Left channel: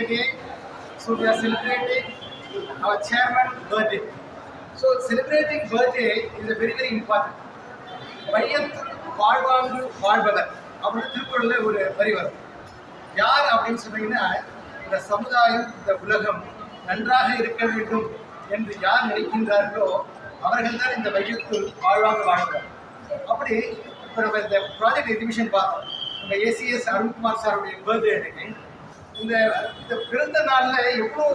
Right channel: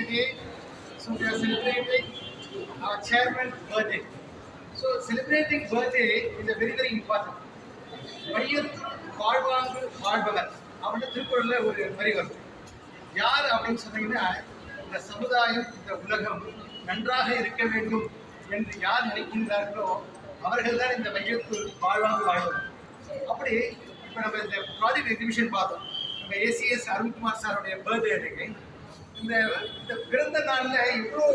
the day. So we are celebrating our chairman's birthday. So celebrating birthday is a very important. வையத்துள் வாழ்வாங்கு வாழ்பவர் அப்படின்னு திருக்குறளில் ஒரு வரி வரும். யார் அப்படின்னு சொன்னீங்கன்னா, இந்த சமுதாயம், இந்த உலகம் நன்றாக இருக்க வேண்டும் என்று யார் நினைக்கின்றார்களோ அவர்கள் தான் இந்த வையத்துள் வாழ்வாங்கு வாழ்பவர். அப்படி இப்போ நம்ம இந்த ப்ராஜெக்ட் எக்ஸிபிஷன் பார்த்தோம். நம்ம ஏசிஎஸ் அருண்குமார் சாருடைய பர்த்டே அன்னைக்கு இந்த பிறந்த நாளில் எவ்வளோ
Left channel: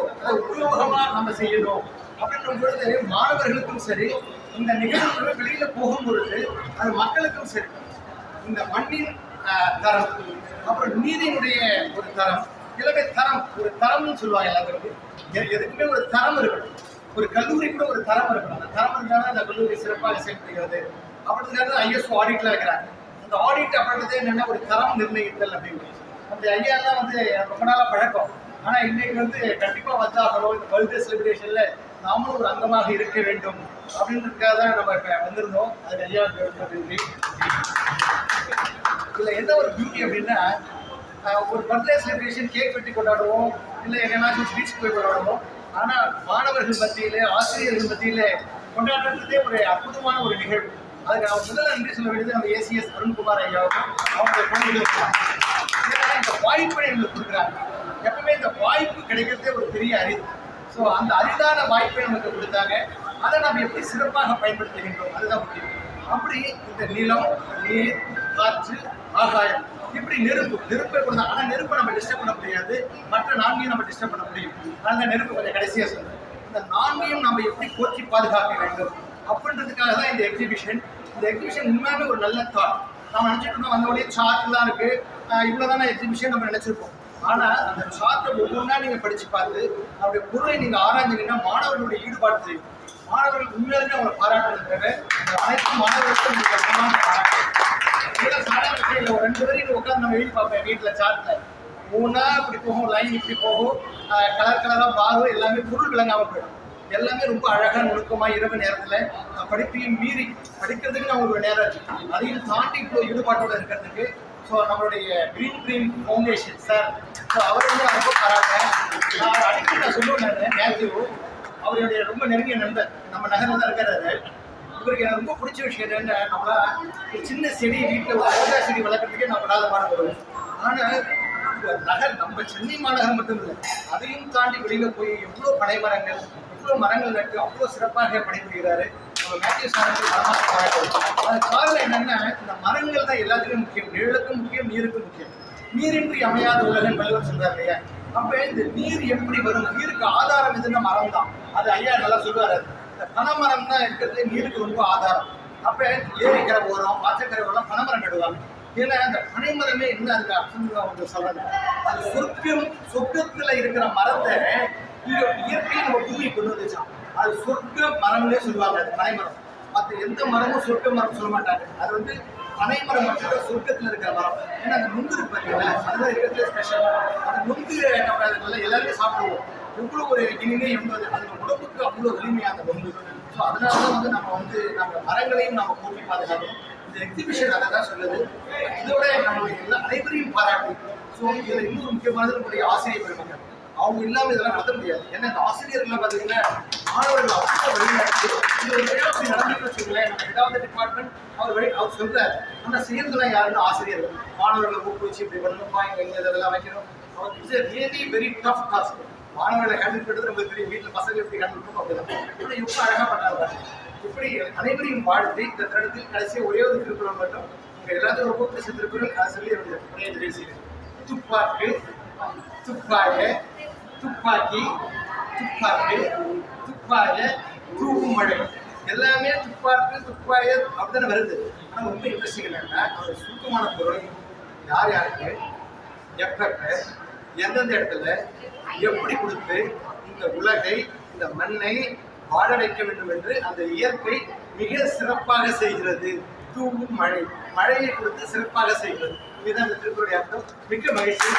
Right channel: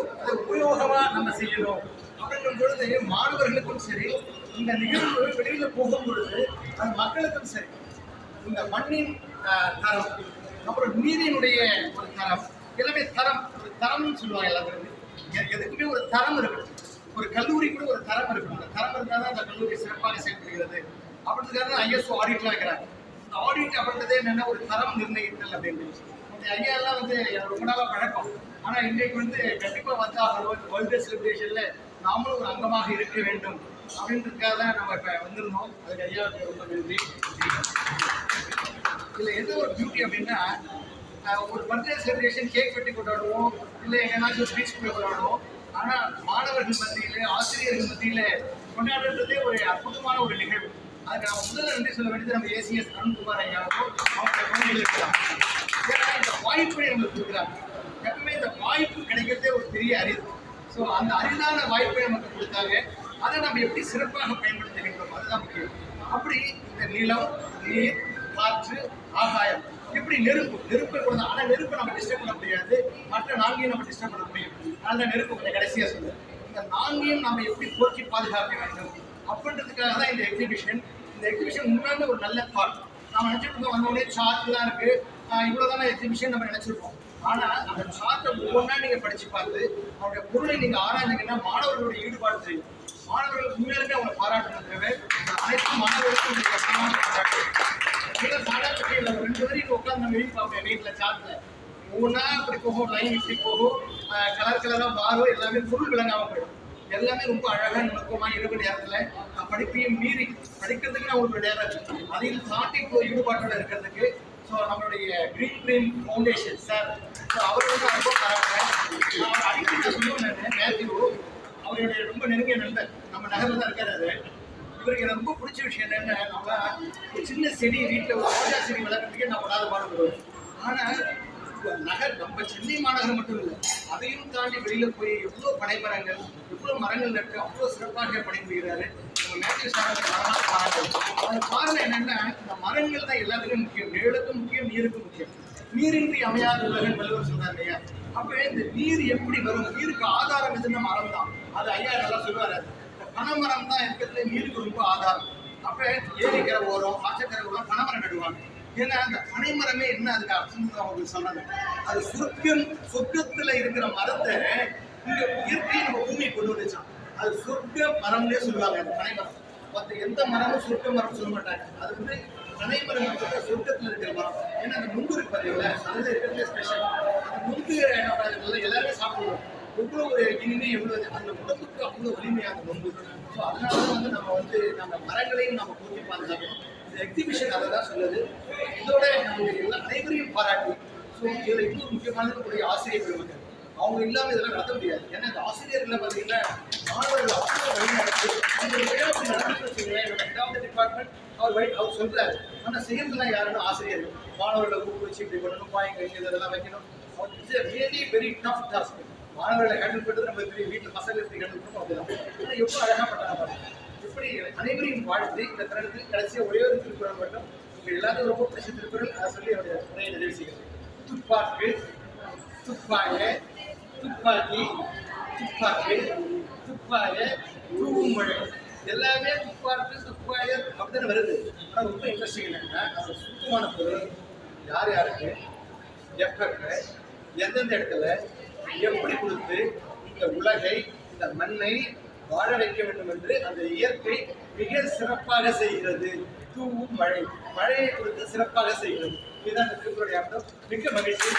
உபயோகமாக நம்ம செய்யணும் அப்படின்னும் பொழுது மாணவர்களுக்கும் சரி, இந்த நிகழ்வு வெளியில் போகும் பொழுது அது மக்களுக்கும் சரி, இந்த மண்ணின் தரம், அப்புறம் நீரினுடைய ஒரு தரம், எல்லாமே தரம், ஒரு தரம்னு சொல்லுவாங்க எல்லாத்துக்கும். எதுக்குமே ஒரு தரம் இருக்கணும். ஒரு கல்லூரி கூட ஒரு தரம் இருக்கணும். அந்த தரம் இருந்தால் தான் அந்த கல்லூரி சிறப்பாக செயல்படுகிறது. அப்படிங்கிறது ஐஎஸ்ஓ ஆடிட்ல வைக்கிறாங்க. அந்த ஆடிட் அப்படின்றதே என்னென்ன ஒரு தரம் நிர்ணயித்தல் அப்படின்னு. அந்த ஐயாலாம் வந்து ரொம்ப நாளாக பழக்கம். ஆனால் இன்றைக்கு வந்து கண்டிப்பாக வந்தாகணும், இந்த பர்த்டே செலிப்ரேஷனில் நாமளும் ஒரு அங்கமாக இருக்க வேண்டும் அப்படின்றதுக்காக தான் நம்ம இப்போ வந்திருந்தோம். அதுக்கு ஐயாவுக்கு ரொம்ப நன்றி. இதில் என்ன ஒரு பியூட்டி அப்படின்னா, ஒரு பர்த்டே செலிப்ரேஷன் கேக் வெட்டி கொண்டாடுவோம், இல்லை எங்கேனாச்சும் பீச் போய் கொண்டாடுவோம். ஆனால் மாணவர்கள் மத்தியில், ஆசிரியர்கள் மத்தியில் கொண்டாடுறதே ஒரு அற்புதமான ஒரு நிகழ்வு. அதுக்கு நான் முதல்ல நன்றி சொல்ல வேண்டியது நம்ம ஏசிஎஸ் அருண்குமார் ஐயாவுக்கும் அவங்க குழந்தைகளுக்கும். ஏன்னா இந்த வாய்ப்பை எங்களுக்கு கொடுக்குறாங்க. எப்பவுமே இந்த வாய்ப்பு கிடைக்கிறதே ஒரு பெரிய அரிது. ஸோ அந்த அரிதான வாய்ப்பை நமக்கு கொடுத்தாங்க. அதை நம்ம எப்படி சிறப்பாக பயன்படுத்துகின்றோம் அதுதான் முக்கியம். அப்படி இந்த நிலம், நீர், காற்று, ஆகாயம், இப்படி நெருப்பை கொடுத்தா. ஆனால் நெருப்பை நம்ம டிஸ்டர்ப் பண்ண முடியாது, மற்ற நான்கையும் நம்ம டிஸ்டர்ப் பண்ண முடியும். அந்த நெருப்பு கொஞ்சம் கடைசியாக சொல்லுங்கள். இந்த நான்கையும் நம்ம எப்படி போற்றி பாதுகாக்க வேண்டும் அப்படின்றதுக்காக தான் இந்த எக்ஸிபிஷன். இந்த எக்ஸிபிஷன் உண்மையாகவே ஒரு நல்ல தாட். நம்ம நினச்சிட்டு இருக்கோம், வந்தோடனே சார்ட் தான் இருக்குது, இவ்வளோதான எக்ஸிபிஷன் நம்ம நினச்சிருப்போம். ஆனால் அந்த சார்ட்டை ஒவ்வொன்றா நீங்கள் படித்து பார்த்து அவருடைய பொருளை நீங்கள் ஆராய்ஞ்சிங்கன்னா மாணவர்களுடைய ஈடுபாடு தெரியும். மாணவர்கள் உண்மையிலுமே அவங்களை பாராட்டுறது தேவை. அந்த அனைத்து மாணவர்களுக்கும் நீங்கள் பாராட்டு. இதெல்லாம் சாதாரண விஷயம் இல்லை. ஒரு 2 வரைக்கும் உட்காந்து நம்ம எழுதி பார்ப்பேன் வீட்டில் சார்ட்டில். ஒவ்வொன்றா இப்படி போகும், லைன் இப்படி போகும், கலராக மாறும், எல்லாமே பொருள் விளங்காமல் போயிடும். எல்லாமே ரொம்ப அழகாக நுணுக்கமாக இரவு நேரத்தில் படிப்பையும் மீறி படிக்கிறதுக்கு நான் ஒரு நேரம் இருக்குது. அதையும் தாண்டி இப்போ ஈடுபாட்டோடு இருக்கிறதுக்கு ஸோ நம்மளுடைய green dream foundation sir, so அவர் வந்து ரொம்ப பாராட்டேன். நான் அடிக்கடி நான் சொல்லுவேன், மேத்யூ அவருடைய ரொம்ப நெருங்கிய நண்பர், நம்ம நகரில் தான் இருக்கிறாரு. இவருக்கு எனக்கு ரொம்ப பிடிச்ச விஷயம் என்ன, நம்மளா ஒரு சின்ன செடி வீட்டில் ஒரு ரோஜா செடி வளர்க்குறதுக்கே நான் படாத பாடுபடுவேன். ஆனால் நகர், நம்ம சென்னை மாநகரம் மட்டும் இல்லை, அதையும் தாண்டி வெளியில் போய் எவ்வளோ பனை மரங்கள், எவ்வளோ மரங்கள் நட்டு அவ்வளோ சிறப்பாக பணிபுரிகிறாரு. நம்ம மேத்யூ சாருக்கு மரமாக பாராட்டுவோம். அது காரணம் என்னென்னா, இந்த மரங்கள் தான் எல்லாத்துக்கும் முக்கியம். நிழலுக்கும் முக்கியம், நீருக்கும் முக்கியம். நீரின்றி அமையாத உலகம் வள்ளுவர் சொல்றாரு இல்லையா? அப்போ இந்த நீர் எப்படி வரும்? நீருக்கு ஆதாரம் எதுன்னா மரம் தான். அது ஐயா நல்லா சொல்லுவார். இந்த பனைமரம் தான் இருக்கிறது நீருக்கு ரொம்ப ஆதாரம். அப்போ ஏரிக்கரை ஓரம், ஆச்சக்கரை ஓரம் பனைமரம் நடுவாங்க. ஏன்னா அந்த பனைமரமே என்ன அதுக்கு அர்த்தம் அவங்க சொல்றாங்க. அது சொர்க்கத்தில் இருக்கிற மரத்தை இங்கே இயற்கையை நம்ம பூமி கொண்டு வந்துச்சான். அது சொர்க்க மரம்னே சொல்லுவாங்க. அது பனைமரம். மற்ற எந்த மரமும் சொர்க்க மரம் சொல்ல மாட்டாங்க. அது வந்து பனைமரம் மட்டும் சொர்க்கத்தில் இருக்கிற மரம். ஏன்னா அந்த நுங்கு இருக்கு பார்த்தீங்களா, அதுதான் இருக்கிறதுல ஸ்பெஷல். அந்த நுங்கு நம்ம எல்லாருமே சாப்பிடுவோம். எவ்வளோ ஒரு இனிமே எவ்வளோ அந்த உடம்புக்கு அவ்வளோ வலிமையான நுங்கு. ஸோ அதனால தான் வந்து நம்ம மரங்களையும் நம்ம போட்டி பாதுகாக்கணும். இந்த எக்ஸிபிஷன் அதை தான் சொல்லுது. இதோட நம்மளுடைய அனைவரையும் பாராட்டி, ஸோ இதில் இன்னொரு முக்கியமானது நம்முடைய ஆசிரியர் பெருமக்கள். அவங்க இல்லாமல் இதெல்லாம் நடத்த முடியாது. ஏன்னா இந்த ஆசிரியர்கள்லாம் பார்த்தீங்கன்னா மாணவர்கள் அவ்வளோ வழிநடத்தி இந்த ஒரு விஷயம் அப்படி நடந்துட்டு வச்சுங்களேன். நம்ம ரெண்டாவது டிபார்ட்மெண்ட் அவர் சொல்கிறார். ஆனால் செய்யறதுலாம் யாருன்னா ஆசிரியர்கள். மாணவர்களை ஊக்குவிச்சு இப்படி பண்ணணும்ப்பா, இங்கே இதெல்லாம் வைக்கணும். அவருக்கு it's really very tough task. மாணவர்களை ஹேண்டில் பண்ணுறது நம்ம பெரிய வீட்டில் பசங்க எப்படி ஹேண்டில் பண்ணணும் அப்படிதான். ஆனால் எவ்வளோ அழகாக பண்ணாங்க. இப்படி அனைவரையும் வாழ்த்து இந்த தருணத்தில் கடைசியாக ஒரே ஒரு திருக்குறள் மட்டும் உங்கள் எல்லாத்தையும் ரொம்ப பிடிச்ச திருக்குறள் அதை சொல்லி அவருடைய நிறைவு செய்யுது. துப்பாக்கு, துப்பாய, துப்பாக்கி, துப்பாக்கு, துப்பாய, தூவும் மழை. எல்லாமே துப்பாக்கு, துப்பாய அப்படித்தானே வருது. ஆனால் ரொம்ப இன்ட்ரெஸ்டிங் என்னன்னா, அவர் சுத்தமான பொருள் யார் யாருக்கு, எப்ப, எந்தெந்த இடத்துல எப்படி கொடுத்து இந்த உலகை, இந்த மண்ணை வாழ வைக்க வேண்டும் என்று அந்த இயற்கை மிக சிறப்பாக செய்கிறது. தூவும் மழை, மழையை கொடுத்து சிறப்பாக செய்கிறது. இதுதான் இந்த திருக்குறளுடைய அர்த்தம். மிக்க மகிழ்ச்சி.